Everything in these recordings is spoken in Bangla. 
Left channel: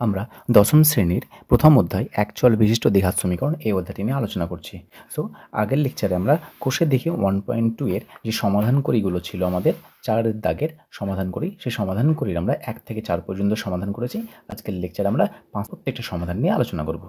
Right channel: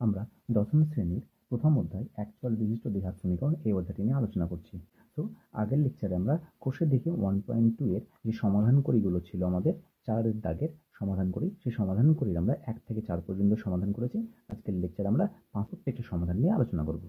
আমরা দশম শ্রেণীর প্রথম অধ্যায় এক চল বিশিষ্ট দ্বিঘাত সমীকরণ এই অধ্যায়টি নিয়ে আলোচনা করছি। সো আগের লেকচারে আমরা কোষে দেখি 1.2 এর যে সমাধান করিগুলো ছিল আমাদের 4 দাগের সমাধান করি, সেই সমাধান করির আমরা 1 থেকে 4 পর্যন্ত সমাধান করেছি। আজকের লেকচারে আমরা প্রত্যেকটা সমাধান নিয়ে আলোচনা করব।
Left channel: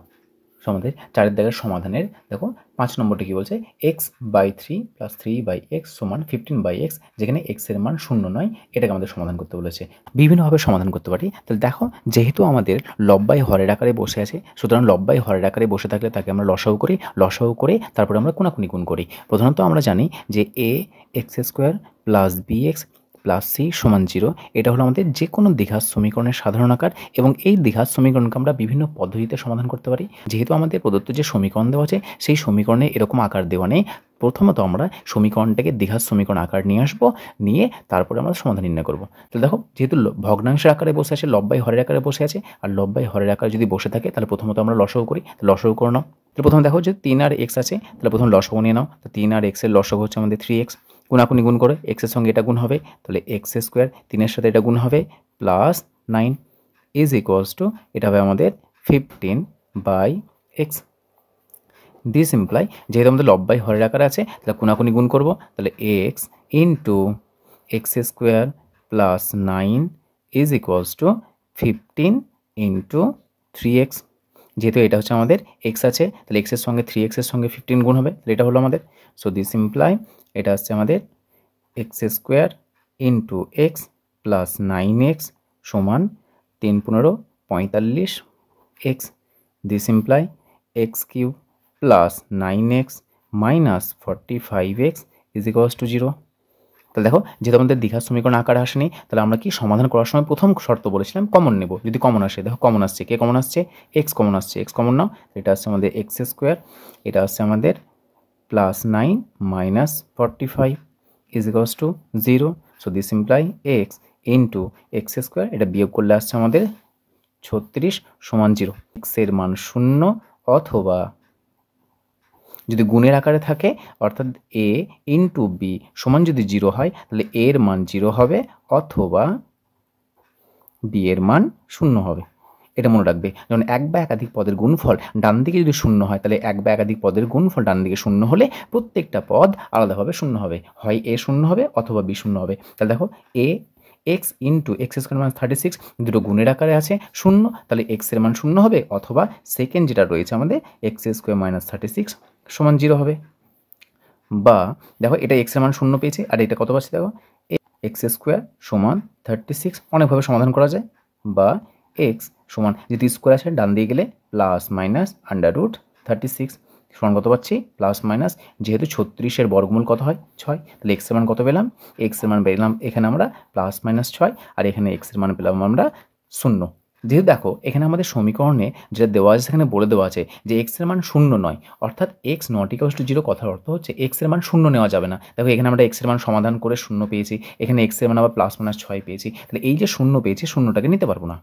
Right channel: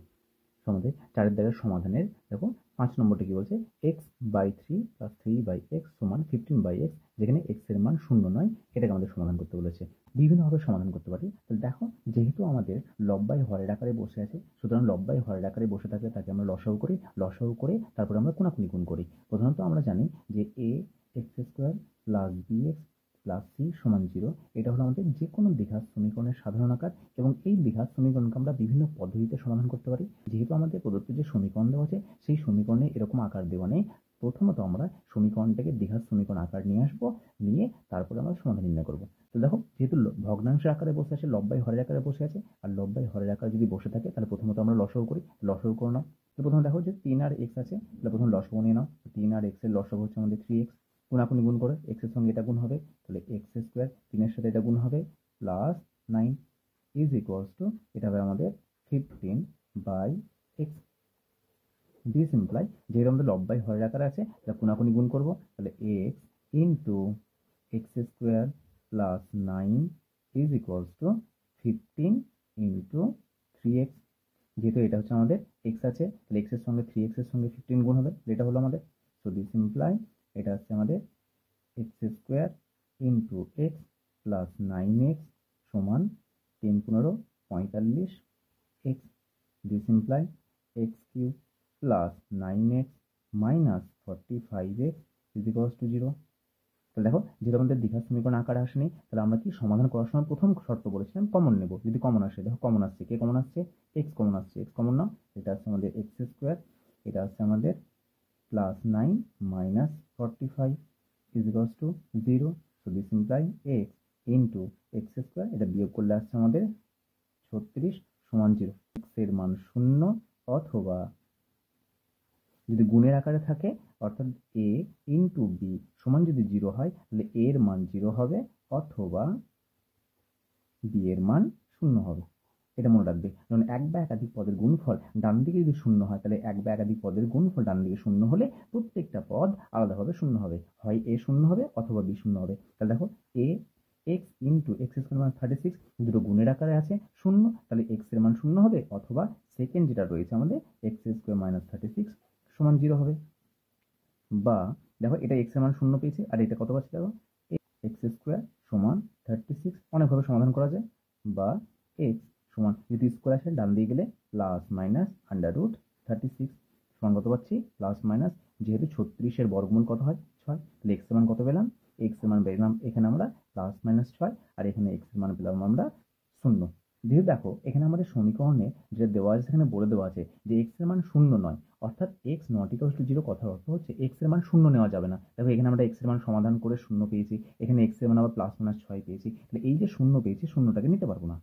আমাদের 4 দাগের সমাধানের দেখো 5 নম্বরটি কি বলছে, x/3 + 3/x = 15/x, যেখানে x এর মান 0 নয়, এটাকে আমাদের সমাধান করতে বলেছে। বিভিন্নভাবে সমাধান করতে পারি। তাহলে দেখো, যেহেতু আমাদের লব্বাই হরের আকারে বসে আছে, সুতরাং লব্বাই হরের আকারে বসে থাকলে তাকে আমরা লসাগু করি, লসাগু করে তারপরে আমরা কোনাকুনি গুণ করি। প্রধানত আমরা জানি যে ax² + bx + c = 0, এটা হলো আমাদের যে কোনো দ্বিঘাত সমীকরণের সাধারণ আকার, এবং এই দ্বিঘাত সমীকরণকে আমরা বিভিন্ন পদ্ধতিতে সমাধান করতে পারি। যেহেতু আমাদের প্রদত্ত যে সমীকরণ দেওয়া আছে সেই সমীকরণে এরকম আকার দেওয়া নেই, প্রথমত আমরা সমীকরণটাকে দ্বিঘাত সমীকরণ আকার নিয়ে আসবো, নিয়ে তারপরে আমরা সমাধান নির্ণয় করবো। তো দেখো, যেহেতু ভগ্নাংশের আকারে বসে আছে, লব্বাই হরের আকারে বসে আছে, আর লব্বাই হরের আকারে যদি বসে থাকে তাহলে প্রথমত আমরা লসাগু করি। লসাগু করে নাও। তাহলে প্রথমে দেখো যে 3 আর x আছে, তাহলে প্রথম লসাগু নিয়ে নাও। তো 3 আর x এর লসাগু হচ্ছে আমাদের 3x, কোনাকুনি গুণ করে x এর সঙ্গে এটা গুণ হবে, তাহলে x² 3 এর সাথে এটা গুণ হবে +9 = এটা হবে আমাদের 15/x। দিস ইমপ্লাই, যেহেতু আমাদের লব্বাই হরের আকারে আছে, তাহলে কোনাকুনি গুণ করবো, তাহলে x × x² + 9 = 15 × 3x। যেহেতু এটা হচ্ছে আমাদের x আছে, তাহলে x এর সঙ্গে 3x এর সঙ্গে 15 গুণ হবে, তাহলে এটা হলো আমাদের। সো দিস ইমপ্লাই এটা হচ্ছে আমাদের x² × x + 9x = 3 × 15 = 45x। This imply x³ + 9x - 45x = 0। তাহলে দেখো, যেহেতু আমাদের দ্বিঘাত সমীকরণ আকারে আসেনি, তাহলে আমরা কি সমাধান করার সময় প্রথম শর্ত বলেছিলাম কমন নেব। যদি কমন আসে, দেখো কমন আসছে, কে কমন আসছে, x কমন আসছে, x কমন নাও। এটা আসছে আমাদের x², এটা আসছে আমাদের +9 - 45 = 0। So this imply x × x², এটা বিয়োগ করলে আসছে আমাদের 36 = 0। x এর মান 0, অথবা যদি গুণের আকারে থাকে, অর্থাৎ a × b = যদি 0 হয়, তাহলে a এর মান 0 হবে, অথবা b এর মান 0 হবে। এটা মনে রাখবে, যখন এক বা একাধিক পদের গুণফল ডান দিকে যদি 0 হয়, তাহলে এক বা একাধিক পদের গুণফল ডান দিকে 0 হলে প্রত্যেকটা পদ আলাদাভাবে 0 হবে, হয় a 0 হবে অথবা b 0 হবে। তাহলে দেখো, x × x² - 36 দুটো গুণের আকারে আছে 0, তাহলে x এর মান 0 হবে, অথবা সেকেন্ড যেটা রয়েছে আমাদের x² - 36 = 0 হবে। বা দেখো, এটা x এর মান 0 পেয়েছে, আর এটা কত পাচ্ছে দেখো, x² = 36। অনেকভাবে সমাধান করা যায়। বা x সমান, যেহেতু স্কোয়ার আছে ডান দিয়ে গেলে +√36 সমান কত পাচ্ছি, +- যেহেতু 36-এর বর্গমূল কত হয়, 6, তাহলে x এর মান কত পেলাম, x এর মান পেলাম এখানে আমরা +-6, আর এখানে x এর মান পেলাম আমরা 0। যেহেতু দেখো, এখানে আমাদের সমীকরণে যেটা দেওয়া আছে সেখানে বলে দেওয়া আছে যে x এর মান 0 নয়, অর্থাৎ x ≠ 0 কথার অর্থ হচ্ছে x এর মান 0 নেওয়া যাবে না। দেখো, এখানে আমরা x এর মান সমাধান করে 0 পেয়েছি, এখানে x এর মান আবার +-6 পেয়েছি, তাহলে এই যে 0 পেয়েছি, 0টাকে নিতে পারবো না।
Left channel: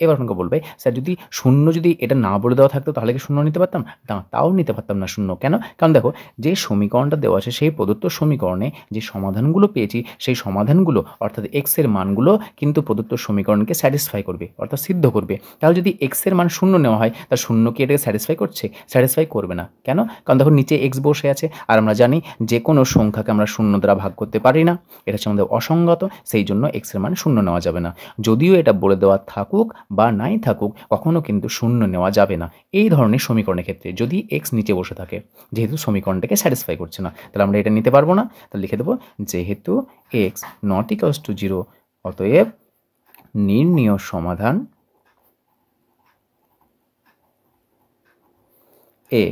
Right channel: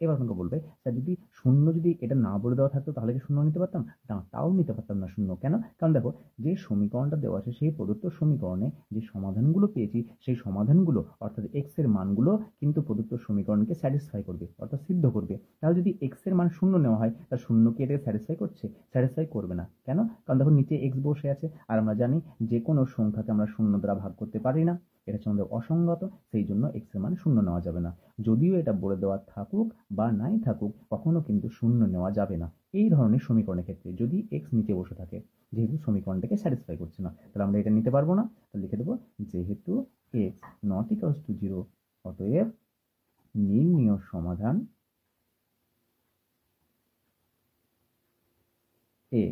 এবার আপনাকে বলবে, স্যার যদি 0 যদি এটা না বলে দেওয়া থাকতো তাহলে কি 0 নিতে পারতাম না? তাও নিতে পারতাম না 0। কেন? কারণ দেখো, যে সমীকরণটা দেওয়া আছে সেই প্রদত্ত সমীকরণে যে সমাধানগুলো পেয়েছি, সেই সমাধানগুলো অর্থাৎ x এর মানগুলো কিন্তু প্রদত্ত সমীকরণকে স্যাটিসফাই করবে, অর্থাৎ সিদ্ধ করবে। তাহলে যদি x এর মান 0 নেওয়া হয়, তার 0 কি এটাকে স্যাটিসফাই করছে? স্যাটিসফাই করবে না। কেন? কারণ দেখো, নিচে x বসে আছে, আর আমরা জানি যে কোনো সংখ্যাকে আমরা 0 দ্বারা ভাগ করতে পারি না, এটা হচ্ছে আমাদের অসঙ্গত, সেই জন্য x এর মান 0 নেওয়া যাবে না। যদিও এটা বলে দেওয়া থাকুক বা নাই থাকুক, কখনো কিন্তু 0 নেওয়া যাবে না এই ধরনের সমীকরণের ক্ষেত্রে, যদি x নিচে বসে থাকে, যেহেতু সমীকরণটাকে স্যাটিসফাই করছে না, তাহলে আমরা এটা নিতে পারবো না। তাহলে লিখে দেবো, যেহেতু x ≠ 0, অতএব নির্ণীয় সমাধান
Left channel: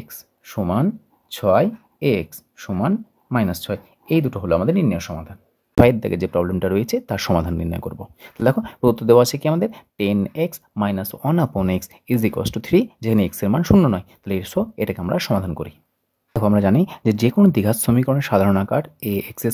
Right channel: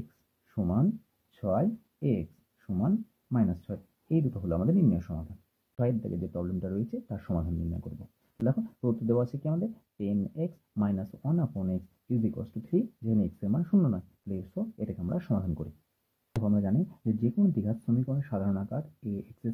x = 6, x = -6, এই দুটো হলো আমাদের নির্ণীয় সমাধান। 5 দাগে যে প্রবলেমটা রয়েছে তার সমাধান নির্ণয় করব। দেখো, প্রদত্ত দেওয়া আছে কি আমাদের, 10x - 1/x = 3, যেখানে x এর মান 0 নয়, তাহলে এটাকে আমরা সমাধান করি। দেখো, আমরা জানি যে কোনো দ্বিঘাত সমীকরণের সাধারণ আকার ax²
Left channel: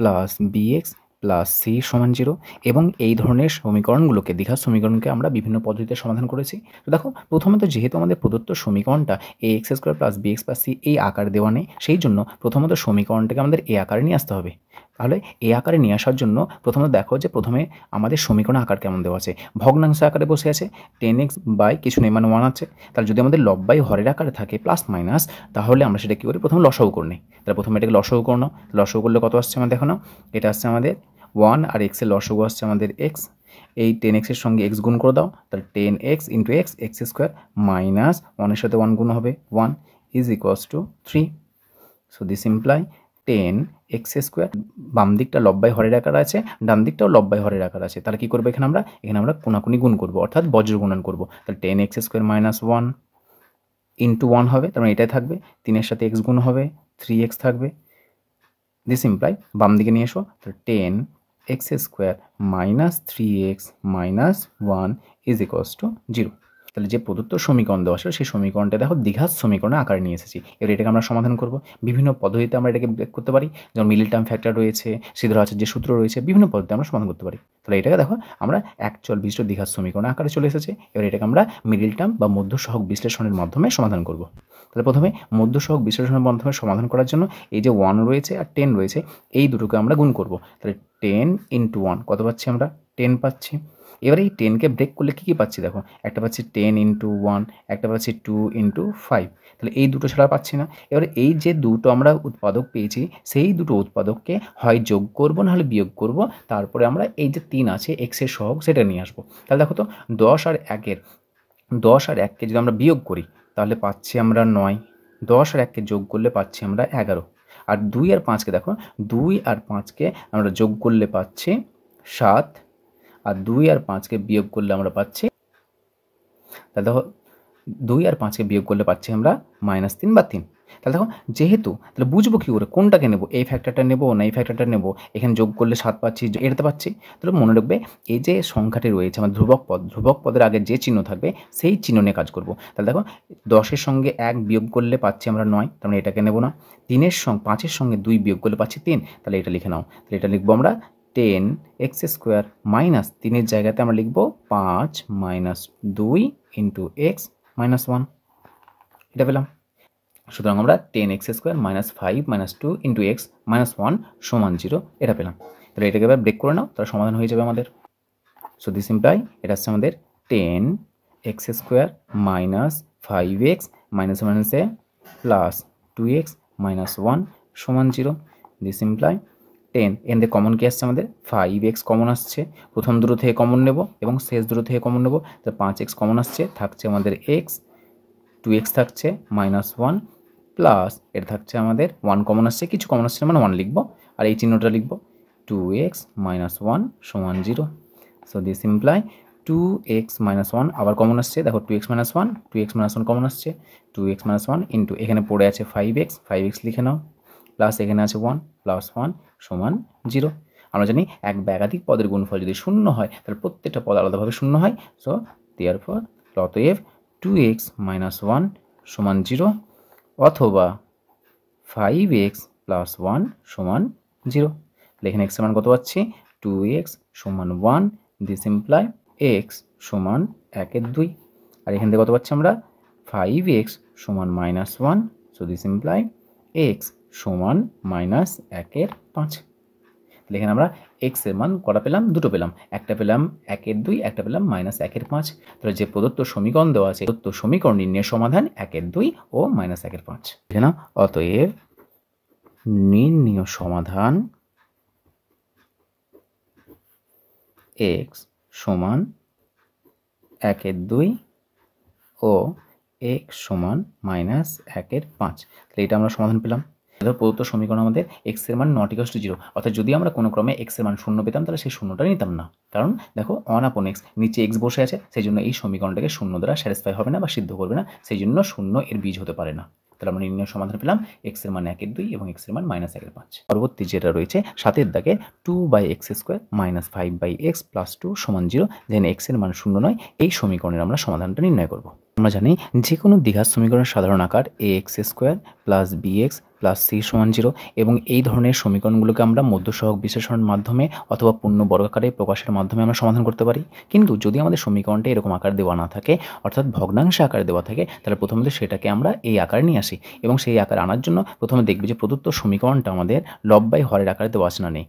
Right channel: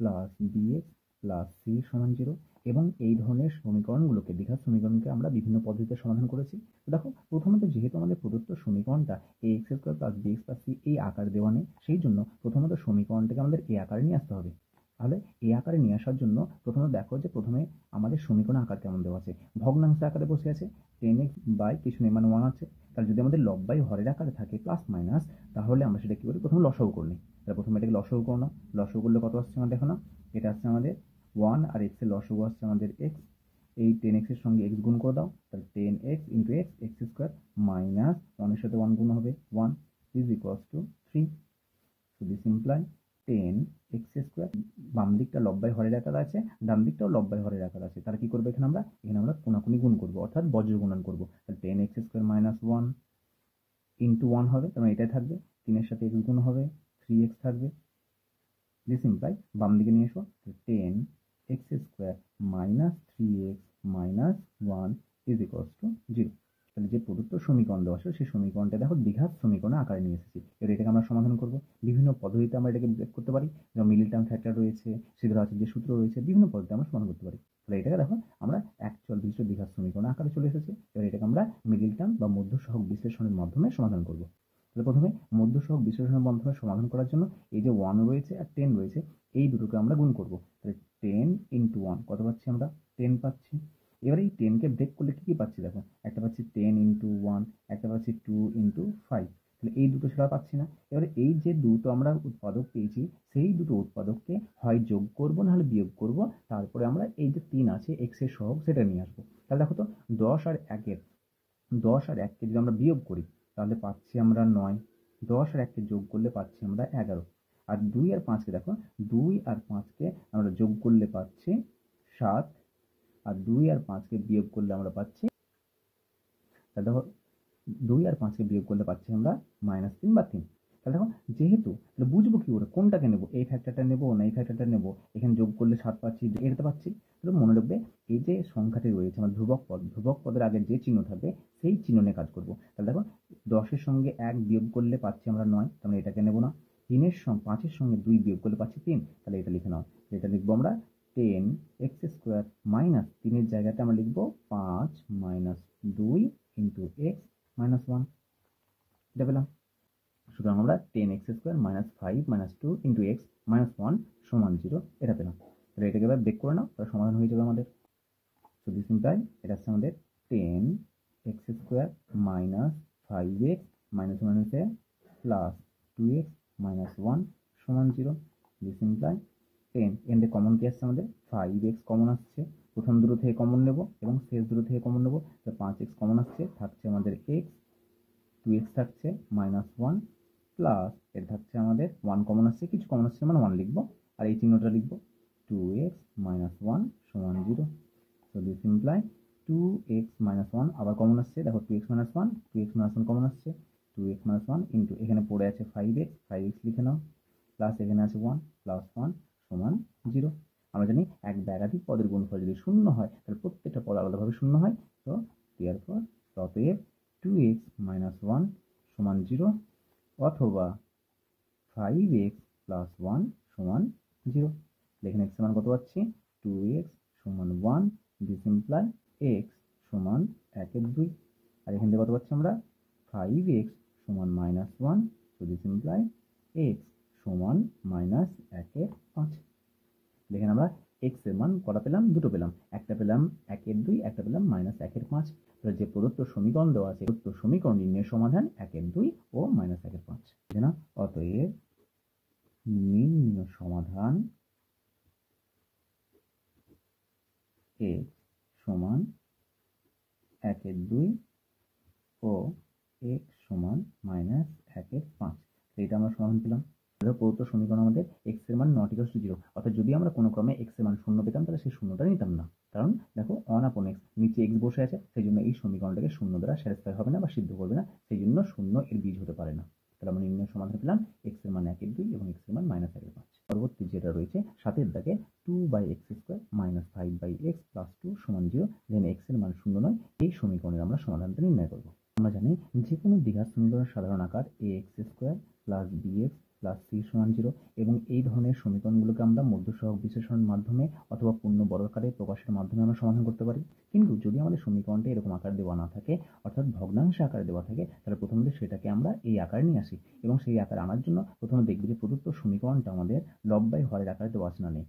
+ bx + c = 0, এবং এই ধরনের সমীকরণগুলোকে, দ্বিঘাত সমীকরণকে আমরা বিভিন্ন পদ্ধতিতে সমাধান করেছি। তো দেখো, প্রথমত যেহেতু আমাদের প্রদত্ত সমীকরণটা ax² + bx + c এই আকার দেওয়া নেই, সেই জন্য প্রথমত সমীকরণটাকে আমাদের এই আকারে নিয়ে আসতে হবে। তাহলে এই আকারে নিয়ে আসার জন্য প্রথমে দেখো যে প্রথমে আমাদের সমীকরণের আকার কেমন দেওয়া আছে, ভগ্নাংশ আকারে বসে আছে, 10x বাই কিছু নেই মানে 1 আছে। তাহলে যদি আমাদের লব বাই হরের আকারে থাকে প্লাস মাইনাস, তাহলে আমরা সেটা কী করি, প্রথমে লসাগু করে নিই। তাহলে প্রথমে এটাকে লসাগু করে নাও। লসাগু করলে কত আসছে আমার দেখো না, এটা আসছে আমাদের 1 আর এক্সের লসাগু আসছে আমাদের এক্স। এই 10x এর সঙ্গে এক্স গুণ করে দাও, তাহলে 10x into x x square minus 1-এর সাথে 1 গুণ হবে 1 is equals to 3। So this imply 10x square, বাম দিকটা লব বাই হরের আকার আছে, ডান দিকটাও লব বাই হরের আকার আছে। তাহলে কী করবো এখানে আমরা কোনাকুনি গুণ করবো, অর্থাৎ বজ্র গুণন করবো। তাহলে 10x স্কোয়ার মাইনাস 1 ইন্টু 1 হবে, তার মানে এটাই থাকবে, 3-এর সাথে x গুণ হবে, 3x থাকবে। দিস ইমপ্লাই বাম দিকে নিয়ে এসো, তাহলে 10x square minus 3x minus 1 is equals two 0। তাহলে যে প্রদত্ত সমীকরণ দেওয়া ছিল সেই সমীকরণটা দেখো দ্বিঘাত সমীকরণে আকারে নিয়ে এসেছি। এবার এটাকে আমরা সমাধান করব। বিভিন্ন পদ্ধতিতে আমরা এটাকে ব্রেক করতে পারি, যেমন মিডল টার্ম ফ্যাক্টর রয়েছে, সিদ্ধ আচার্যের সূত্র রয়েছে, বিভিন্ন পদ্ধতিতে আমরা সমাধান করতে পারি। তাহলে এটাকে দেখো আমরা অ্যাকচুয়াল বিশিষ্ট দ্বিঘাত সমীকরণ আকারে চলে এসেছে। এবার এটাকে আমরা মিডল টার্ম বা মধ্য সহগ বিশ্লেষণের মাধ্যমে সমাধান করব। তাহলে প্রথমে মধ্য সহগ বিশ্লেষণের মাধ্যমে সমাধান করার জন্য এই যে 1 রয়েছে আর 10 রয়েছে, এই দুটোকে আমরা গুণ করব। তাহলে 10 ইন্টু 1 কত পাচ্ছি আমরা, 10 পাচ্ছি। এবারে এই 10কে ব্রেক করলে কী কী পাচ্ছি দেখো, একটা পাচ্ছি 10 ইন্টু 1, একটা পাচ্ছি 2 ইন্টু 5। তাহলে এই দুটো ছাড়া পাচ্ছি না। এবারে এই যে দুটো আমরা উৎপাদক পেয়েছি, সেই দুটো উৎপাদককে হয় যোগ করব নাহলে বিয়োগ করব, তারপরে আমরা এই যে 3 আছে এক্সের সহগ সেটা নিয়ে আসবো। তাহলে দেখো তো 10 আর 1কে যদি আমরা বিয়োগ করি তাহলে পাচ্ছি আমরা 9, 10 আর 1কে যোগ করলে পাচ্ছি আমরা 11, আর 2 আর 5কে দেখো, 2 আর 5কে আমরা যোগ করলে পাচ্ছি 7, আর 2 আর 5কে বিয়োগ করলে আমরা পাচ্ছি, তাহলে দেখো 2 আর 5কে বিয়োগ করলে পাচ্ছি আমরা -3 বা 3। তাহলে দেখো যেহেতু, তাহলে বুঝবো কী করে কোনটাকে নেবো, এই ফ্যাক্টরটা নেবো না এই ফ্যাক্টরটা নেবো, এখানে যোগ করলে 7 পাচ্ছি, এটাতে পাচ্ছি। তাহলে মনে রাখবে এই যে সংখ্যাটি রয়েছে আমার ধ্রুবক পদের আগে যে চিহ্ন থাকবে সেই চিহ্ন নিয়ে কাজ করবো। তাহলে দেখো 10-এর সঙ্গে 1 বিয়োগ করলে পাচ্ছি আমরা 9, তার মানে এটাকে নেবো না। 5-এর সঙ্গে 2 বিয়োগ করলে পাচ্ছি 3, তাহলে এটা লিখে নাও। তাহলে এটা লিখবো আমরা 10x স্কোয়ার মাইনাস 3-এর জায়গাতে আমরা লিখবো 5 মাইনাস 2 ইন্টু এক্স মাইনাস 1, এটা পেলাম। সুতরাং আমরা 10x square minus 5 minus 2 into x minus 1 সমান 0 এটা পেলাম। তাহলে এটাকে এবার ব্রেক করে নাও, তাহলে সমাধান হয়ে যাবে আমাদের। সো দিস ইমপ্লাই এটা হচ্ছে আমাদের 10x square minus 5x minus মাইনাসে প্লাস 2x মাইনাস 1 সমান 0। দিস ইমপ্লাই 10 এখান থেকে কমন কি আসছে আমাদের, 5x কমন আসছে, প্রথম দুটো থেকে কমন নেব এবং শেষ দুটো থেকে কমন নেব। তো 5x কমন আসছে, থাকছে আমাদের x, 2x থাকছে -1 প্লাস এটা থাকছে আমাদের 1 কমন আসছে, কিছু কমন আসছে মানে 1 লিখব, আর এই চিহ্নটা লিখব 2x মাইনাস 1 সমান 0। So this imply 2x minus 1 আবার কমন আসছে, দেখো 2x মাইনাস 1 কমন আসছে, 2x মাইনাস 1 ইন্টু এখানে পড়ে আছে 5x লিখে নাও, প্লাস এখানে আছে 1 প্লাস 1 সমান 0। আমরা জানি এক বা একাধিক পদের গুণফল যদি শূন্য হয় তাহলে প্রত্যেকটা পদ আলাদাভাবে শূন্য হয়। সো দেয়ারফর অতএব 2x মাইনাস 1 সমান 0 অথবা 5x প্লাস 1 সমান 0। এখানে x এর মান কত পাচ্ছি, 2x সমান 1, দিস ইমপ্লাই x সমান 1/2, আর এখান থেকে কত পাচ্ছি আমরা 5x সমান -1, সো দিস ইমপ্লাই x সমান -1/5। এখানে আমরা x এর মান কটা পেলাম, দুটো পেলাম, একটা পেলাম 1/2, একটা পেলাম -1/5। তাহলে যে প্রদত্ত সমীকরণ দেওয়া আছে প্রদত্ত সমীকরণ নির্ণয়ের সমাধান 1/2 ও -1/5। এখানে অতএব নির্ণীয় সমাধান x সমান 1/2 ও x সমান -1/5। তাহলে এটা আমরা সমাধান পেলাম। ধর প্রদত্ত সমীকরণ আমাদের x এর মান নট ইকুয়ালস টু 0, অর্থাৎ যদি আমরা কোনো ক্রমে x এর মান 0 পেতাম তাহলে সেই শূন্যটা নিতাম না, কারণ দেখো 1/x নিচে x বসে আছে, সেই জন্য এই সমীকরণটাকে 0 দ্বারা স্যাটিসফাই হবে না বা সিদ্ধ করবে না, সেই জন্য 0 এর বীজ হতে পারে না। তাহলে আমরা নির্ণয় সমাধান পেলাম x এর মান 1/2 এবং x এর মান -1/5। পরবর্তী যেটা রয়েছে 7 দাগে 2/x square minus 5/x plus 2 সমান 0, যেখানে x এর মান 0 নয়, এই সমীকরণের আমরা সমাধানটা নির্ণয় করব। আমরা জানি যে কোনো দ্বিঘাত সমীকরণের সাধারণ আকার ax square plus bx plus c সমান 0 এবং এই ধরনের সমীকরণগুলোকে আমরা মধ্যসহগ বিশ্লেষণের মাধ্যমে অথবা পূর্ণ বর্গাকারে প্রকাশের মাধ্যমে আমরা সমাধান করতে পারি। কিন্তু যদি আমাদের সমীকরণটা এরকম আকার দেওয়া না থাকে, অর্থাৎ ভগ্নাংশে আকারে দেওয়া থাকে, তাহলে প্রথমত সেটাকে আমরা এই আকারে নিয়ে আসি এবং সেই আকার আনার জন্য প্রথমে দেখবি যে প্রদত্ত সমীকরণটা আমাদের লব বাই হরের আকারে দেওয়া আছে না নেই।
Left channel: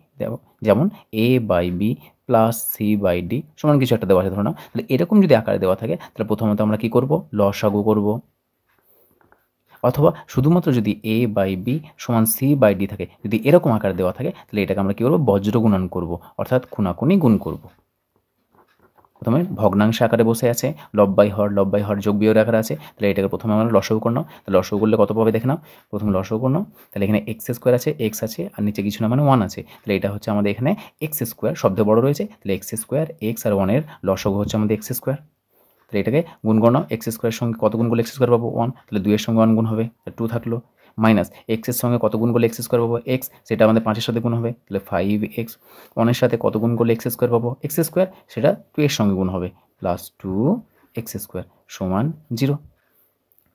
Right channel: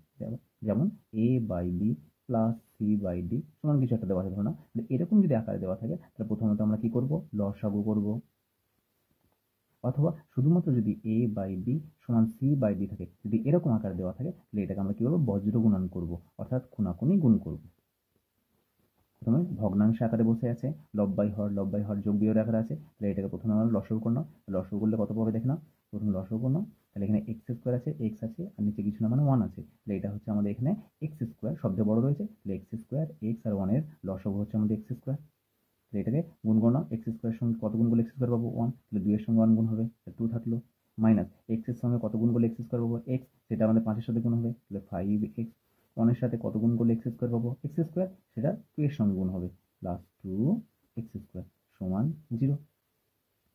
যেমন a by b plus c by d সমান কিছু একটা দেওয়া আছে ধরো না। তাহলে এরকম যদি আকারে দেওয়া থাকে তাহলে প্রথমত আমরা কি করব, লসাগু করব। অথবা শুধুমাত্র যদি a বাই বি সমান সি বাই ডি থাকে, যদি এরকম আকারে দেওয়া থাকে তাহলে এটাকে আমরা কী করবো, বজ্র গুণন করব, অর্থাৎ খুনাখুনি গুণ করব। প্রথমে ভগ্নাংশ আকারে বসে আছে, লব বাই হর যোগ বিয়োগ আকারে আছে, তাহলে এটাকে প্রথমে আমরা লসাগু করে নাও। তাহলে লসাগু করলে কত পাবে দেখে নাও, প্রথমে লসাগু করে নাও। তাহলে এখানে এক্স স্কোয়ার আছে, এক্স আছে আর নিচে কিছু না মানে 1 আছে, তাহলে এটা হচ্ছে আমাদের এখানে এক্স স্কোয়ার, শব্দে বড় রয়েছে, তাহলে এক্স স্কোয়ার, এক্স আর 1-এর লসাগু হচ্ছে আমাদের এক্স স্কোয়ার। তাহলে এটাকে গুণ করো না, এক্স স্কোয়ারের সঙ্গে কত গুণ করলে এক্স স্কোয়ার পাবো 1, তাহলে 2-এর সঙ্গে 1 গুণ হবে, 2 থাকলো, মাইনাস এক্সের সঙ্গে কত গুণ করলে এক্স স্কোয়ার পাবো এক্স, সেটা আমাদের 5-এর সাথে গুণ হবে, তাহলে 5x, 1-এর সাথে কত গুণ করলে এক্স স্কোয়ার পাবো এক্স স্কোয়ার, সেটা 2-এর সঙ্গে গুণ হবে, প্লাস 2x স্কোয়ার সমান 0।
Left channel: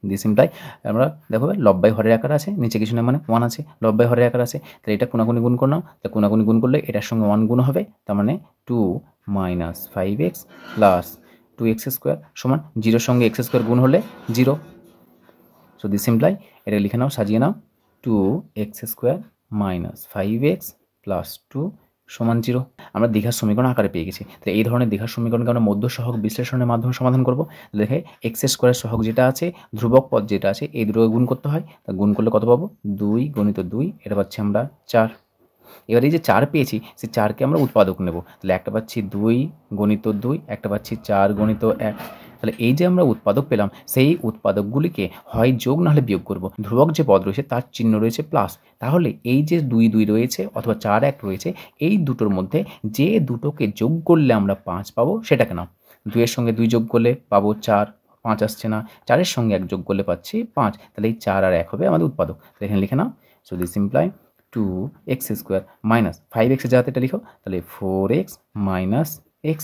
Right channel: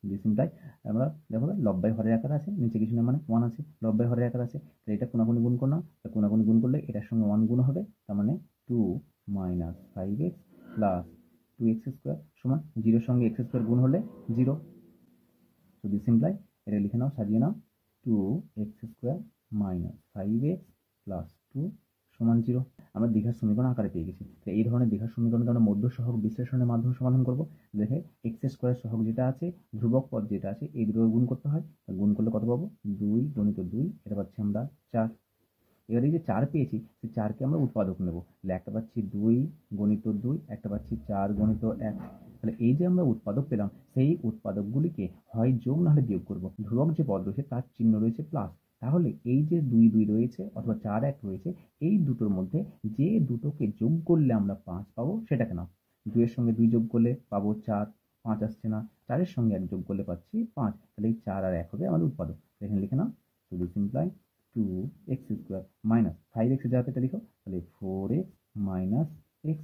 দিস ইমপ্লাই আমরা দেখো লব বাই হরের আকার আছে, নিচে কিছু না মানে 1 আছে, লব বাই হরের আকার আছে, তাহলে এটা কোনাকুনি গুণ করে নাও, তাহলে কোনাকুনি গুণ করলে এটার সঙ্গে 1 গুণ হবে, তার মানে 2 minus 5x plus 2x square সমান 0-এর সঙ্গে এক্স স্কোয়ার গুণ হলে 0। সো দিস ইমপ্লাই এটা লিখে নাও, সাজিয়ে নাও, 2x square minus 5x plus 2 সমান 0। আমরা দীঘার সমীকরণ আকারে পেয়ে গেছি। তাহলে এই ধরনের দীঘার সমীকরণকে আমরা মধ্য সহগ বিশ্লেষণের মাধ্যমে সমাধান করব। দেখে এক্স স্কোয়ারের সহগ যেটা আছে, ধ্রুবক পদ যেটা আছে, এই দুটোকে গুণ করতে হয়, তা গুণ করলে কত পাবো, 2 গুণিত 2, এটা পাচ্ছি আমরা 4। এবার এই যে 4 পেয়েছি, সেই 4কে আমরা উৎপাদক নেব, তাহলে একটা পাচ্ছি 2 গণিত 2, একটা পাচ্ছি 4 গণিত 1। তাহলে এই যে আমরা উৎপাদক পেলাম, সেই উৎপাদকগুলিকে হয় যোগ নাহলে বিয়োগ করব। ধ্রুবক যে পদ রয়েছে তার চিহ্ন রয়েছে প্লাস, তাহলে এই যে 2 2 রয়েছে অথবা 4 1 রয়েছে, এই দুটোর মধ্যে যে দুটোকে যোগ করলে আমরা 5 পাবো সেটাকে নাও। 2-এর সঙ্গে 2 যোগ করলে পাবো 4, 5 আসছে না, 4-এর সঙ্গে 1 যোগ করলে পাচ্ছি 5, তাহলে এই 4 আর 1 হবে আমাদের উৎপাদক। তাহলে এখানে লিখে নাও, so this imply 2x square minus 5x এর জায়গাতে এটা লিখো, তাহলে 4x মাইনাস x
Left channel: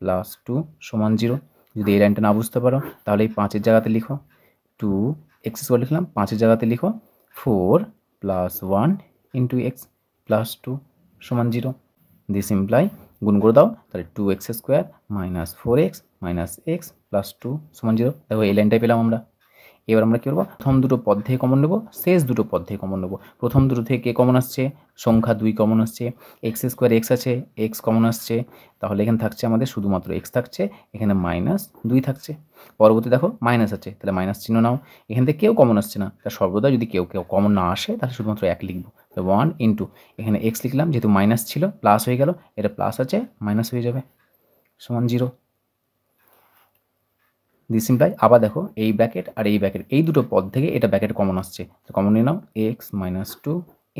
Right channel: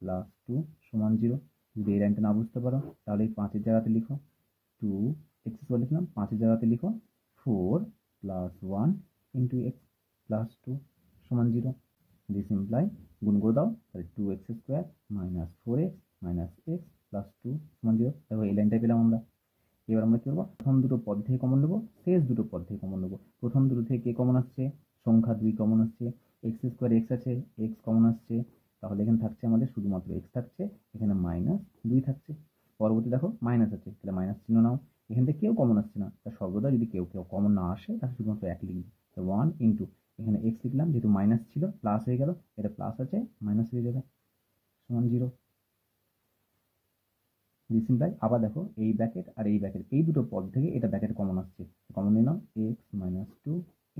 প্লাস 2 সমান 0। যদি এই লাইনটা না বুঝতে পারো তাহলে এই 5-এর জায়গাতে লিখো 2x স্কোয়ার লিখলাম, 5-এর জায়গাতে লিখো 4 প্লাস 1 ইন্টু x প্লাস 2 সমান 0। দিস ইমপ্লাই গুণ করে দাও, তাহলে 2x square minus 4x minus x plus 2 সমান 0। দেখো এই লাইনটাই পেলাম আমরা। এবার আমরা কী করবো, প্রথম দুটো পদ থেকে কমন নেব, শেষ দুটো পদ থেকে কমন নেব। প্রথম দুটো থেকে কমন আসছে, সংখ্যা 2 কমন আসছে, এক্স স্কোয়ার এক্স আছে, এক্স কমন আসছে, তাহলে এখানে থাকছে আমাদের শুধুমাত্র এক্স থাকছে, এখানে মাইনাস 2 থাকছে। পরবর্তী দেখো মাইনাস আছে, তাহলে মাইনাস চিহ্ন নাও, এখান থেকে কেউ কমন আসছে না, তাহলে সর্বদা যদি কেউ কমন না আসে তাহলে শুধুমাত্র 1 লিখবো, 1 ইন্টু এখানে এক্স লিখলাম, যেহেতু মাইনাস ছিল প্লাস হয়ে গেল, এটা প্লাস আছে মাইনাস হয়ে যাবে সমান 0। দিস ইমপ্লাই আবার দেখো এই ব্র্যাকেট আর এই ব্র্যাকেট, এই দুটো পদ থেকে এটা ব্র্যাকেট কমন আসছে, তো কমন নিয়ে নাও, x minus 2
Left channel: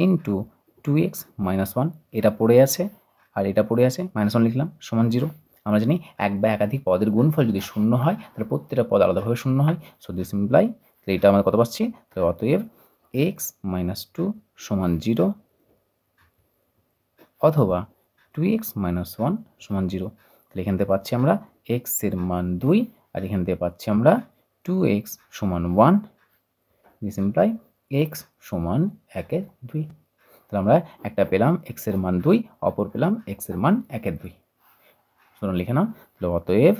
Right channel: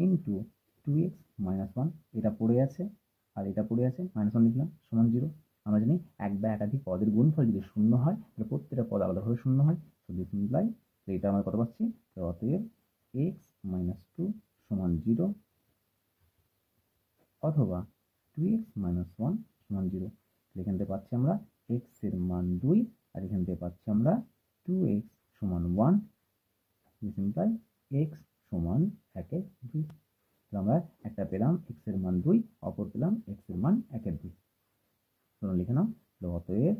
into 2x minus 1, এটা পড়ে আছে আর এটা পড়ে আছে, মাইনাস 1 লিখলাম সমান 0। আমরা জানি এক বা একাধিক পদের গুণফল যদি শূন্য হয় তাহলে প্রত্যেকটা পদ আলাদাভাবে শূন্য হয়। সো দিস ইমপ্লাই তাহলে এটা আমরা কত পাচ্ছি, তাহলে অতএব এক্স মাইনাস 2 সমান 0 অথবা 2x মাইনাস 1 সমান 0। তাহলে এখান থেকে পাচ্ছি আমরা এক্সের মান 2 আর এখান থেকে পাচ্ছি আমরা 2x সমান 1। দিস ইমপ্লাই x সমান 1/2। তাহলে আমরা একটা পেলাম এক্সের মান 2, অপর পেলাম এক্সের মান 1/2। শুনুন লিখে নাও, তাহলে অতএব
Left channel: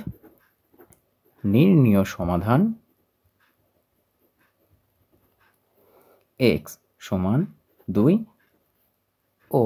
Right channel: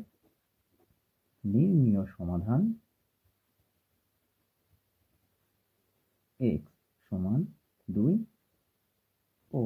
নির্ণীয় সমাধান x সমান 2 ও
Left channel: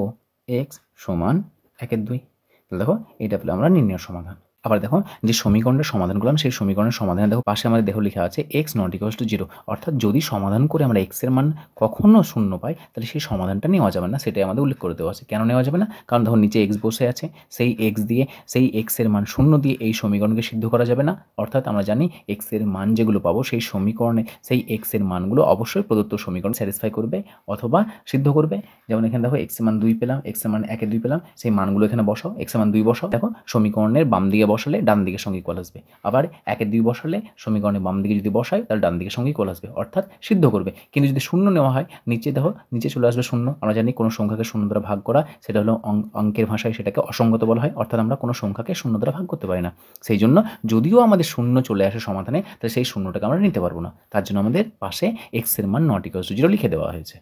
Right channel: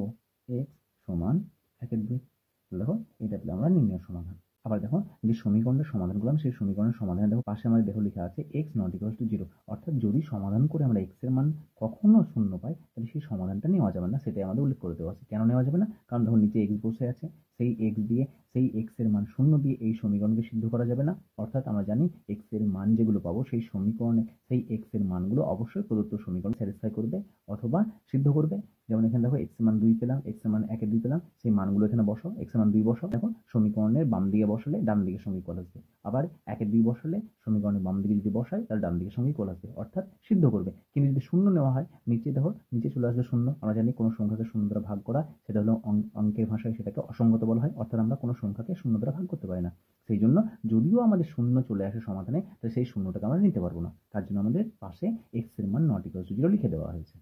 x সমান 1/2। তাহলে দেখো এটা পেলাম আমরা নির্ণয় সমাধান। আবার দেখো যে সমীকরণের সমাধান করলাম, সেই সমীকরণের সমাধানে দেখো পাশে আমাদের দেখো লেখা আছে x নট ইকুয়ালস টু 0, অর্থাৎ যদি সমাধান করে আমরা x এর মান কখনো শূন্য পাই তাহলে সেই সমাধানটা নেওয়া যাবে না, সেটাই আমাদের উল্লেখ করে দেওয়া আছে। কেন নেওয়া যাবে না, কারণ দেখো নিচে x বসে আছে, সেই x দিয়ে সেই x এর মান শূন্য দিয়ে এই সমীকরণকে সিদ্ধ করা যাবে না। অর্থাৎ আমরা জানি x এর মান যেগুলো পাবো সেই সমীকরণে সেই x এর মানগুলো অবশ্যই প্রদত্ত সমীকরণ স্যাটিসফাই করবে অথবা সিদ্ধ করবে। যেমন এখানে দেখো x এর মান 2 পেলাম, x এর মান 1/2 পেলাম, সেই মানগুলো এখানে বসাও, x এর মান 2 বসাও, দেখো সমীকরণের বাম দিকে বসালে ডান দিকের সঙ্গে ইকুয়াল আসবে, আবার 1/2 বসালে সমীকরণের বাম দিকে যদি বসাই তাহলে ডান দিকের সঙ্গে ইকুয়াল আসবে, অর্থাৎ সিদ্ধ করবে। কিন্তু যদি শূন্য নেওয়া হয়, নিচে দেখো নিচে চলে আসবে শূন্য। আমরা জানি কোনো সংখ্যাকে শূন্য দ্বারা ভাগ করা সেটা হলো অঙ্কের ভাষায় সেটাকে অসঙ্গত বলা হয়, অর্থাৎ আমরা কোনো সংখ্যাকে শূন্য দ্বারা ভাগ করতে পারি না। সেই জন্য যদিও আমাদের শূন্য চলে আসে সমাধানে, তাহলে সেই শূন্যটাকে আমরা নিতে পারবো না, তার জন্য আমাদের পাশে x এর মান নট ইকুয়ালস টু 0 লিখে দেওয়া হয়েছে।